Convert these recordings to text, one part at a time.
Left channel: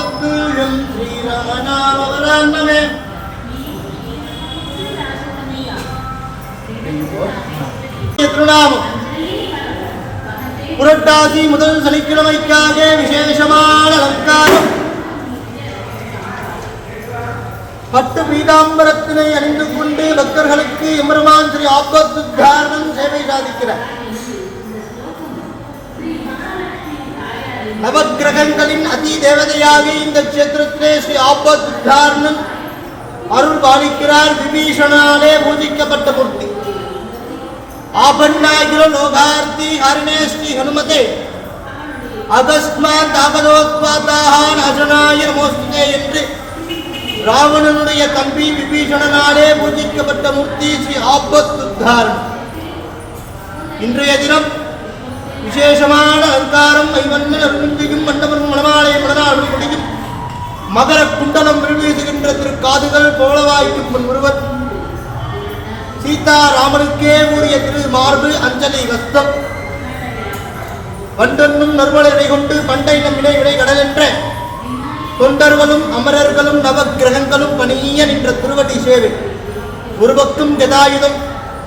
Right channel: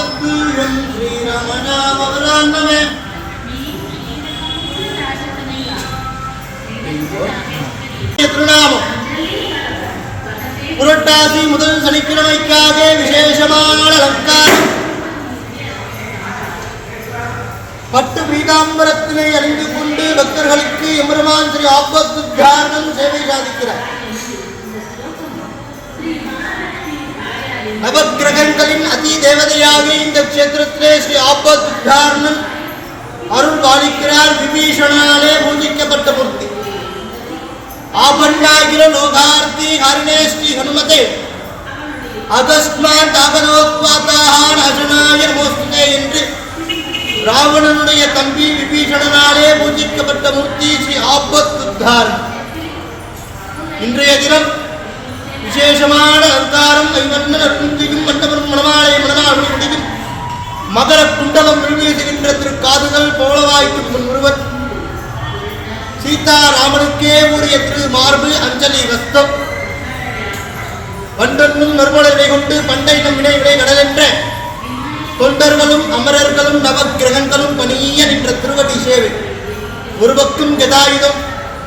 பாதத்து என் ஸ்ரீராமநாமவராண்டமே திருநாமம் புரட்டாசி முதல் சனிக்கிழமைக்காக விசேஷமான அலங்காரம். பட்டு பீதாம்பரத்தினை அணிந்து கொண்டு பக்தர்களுக்கு எம்பெருமான் ஸ்ரீ ஆபத்துத்தாரணம் சேவை சாதிக்கிறார். நவக்கிரகங்களின் அதி தேவதையாக இந்த கஷேத்திரத்திலே ஸ்ரீ ஆபத்துத்தாரணன் அருள் பாலிக்கிறார். விபீஷணாலே பூஜிக்கப்பட்ட மூர்த்தி. ஆபன்னாகிர லோகார்த்தி ஹரிணே ஸ்ரீ ஹனுமதே அகஸ்மாத் ஆகனோத்வாதாஹான அஜனாய நமோஸ்துதே என்று ராவணனுடைய தம்பி விபீஷணனாலே பூஜிக்கப்பட்ட மூர்த்தி ஸ்ரீ ஆபத்துத்தாரணன். இன்றைய தினம் விசேஷமான அலங்காரம். ஐவண்ணன் அருள்மிகும் மண்டபம் மணமாலயம் மணநாள் முடியும் மகர குண்டலம் விழுவீசுகின்ற திருக்காதுகள் பவளவாய்க்கும் முன் ஒருவர். சீதா ராமனுக்கே உரிய திரு மார்பு அஞ்சலி கஸ்தம். பண்டொன்னும் நறுமலை கொண்டு பண்டை நம் வினை வினை கடல் என்ற தொண்டர்களும் அமரர்களும் நவக்கிரகங்களும் பணிய நின்ற திருவடி சேவை. ஒரு பக்கம் கதாயுதம்,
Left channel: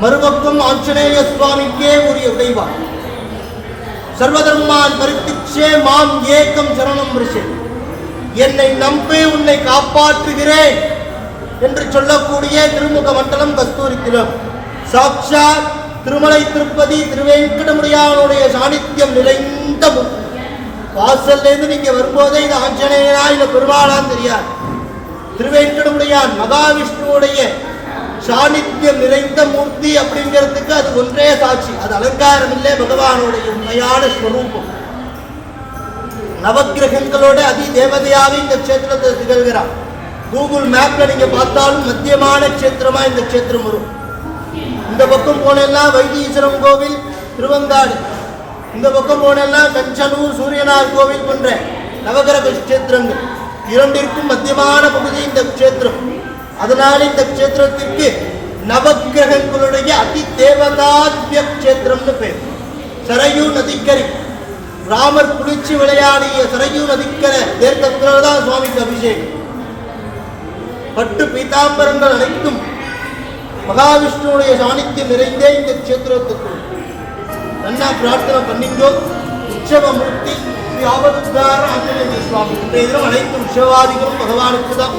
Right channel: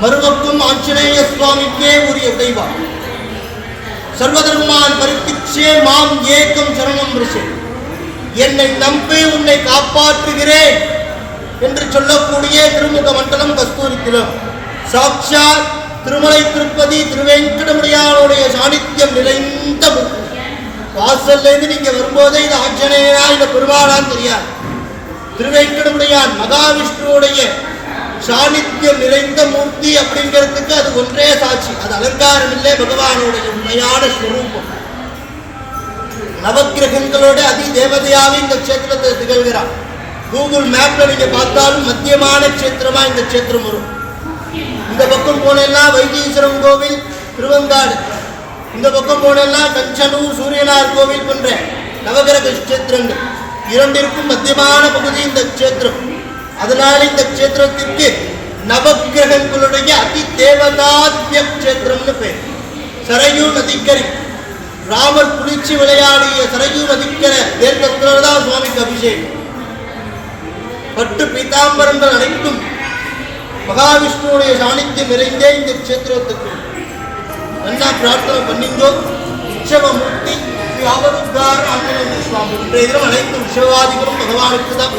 மறுபக்கம் ஆஞ்சநேய சுவாமிக்கே உரிய உடைவா. சர்வதர்மான் பரித்திக்ஷே மாம் ஏகம் சரணம் ரிஷே. என்னை நம்பி உன்னை காப்பாற்றுகிறேன் என்று சொல்லக்கூடிய திருமுக மண்டலம் கஸ்தூரித்திலும் சாட்சாத் திருமலை திருப்பதி திருவேங்கடமுடியானுடைய சாநித்தியம் நிறைந்த வாசல்லேருந்து நீங்க வரும்போதே இது ஆஞ்சநேயனா இல்ல பெருமாளான்னு தெரியாது. திருவேங்கடமுடியான் மகாவிஷ்ணுவுடைய சாநித்தியம் நிறைந்த மூர்த்தி அப்படிங்கிறதுக்கு அது ஒன்றே சாட்சி. அது அலங்காரம் இல்லை, பகவானுடைய உண்மையான ஸ்வரூபம். நவக்கிரகங்களோட அதி தேவதையாக இந்த கஷேத்திரத்தை திகழ்கிறார். கூகுள் மேப்ல நீங்க பார்த்தாலும் மத்தியமான கஷேத்திரமா இந்த கஷேத்திரம் வரும். இந்த பக்கம் போனெல்லாம் வைத்தீஸ்வரம் கோவில் திருவங்காடு, இந்த பக்கம் போனெல்லாம் கஞ்சனூர் சூரியனார் கோவில் போன்ற நவகிரக கஷேத்திரங்கள். இரண்டிற்கும் மத்தியமான பகுதி இந்த கஷேத்திரம். அதனால இந்த கஷேத்திரத்திற்கு நவக்கிரகங்களுடைய அதி தேவதாத்ய கஷேத்திரம்னு பேர். சரையூ நதிக்கரை ராமர் குளிச்சு விளையாடிய சரையூ நதிக்கரை தேர்தத்தில்தான் சுவாமிக்கு அபிஷேகம். பட்டு பீதாம்பரங்கள் அனைத்தும் மகாவிஷ்ணுடைய சாநித்தியம் நிறைந்தே இந்த கஷேத்திரத்துக்கு. நல்லா பிரார்த்தனை பண்ணிங்கோ. உற்சவமூர்த்தி ஸ்ரீ ஆபத்துத்தாரண ஆஞ்சநேய சுவாமி. இன்றைய தினம் அனைத்து உற்சவாதிகளும் பகவானுக்கு தான்.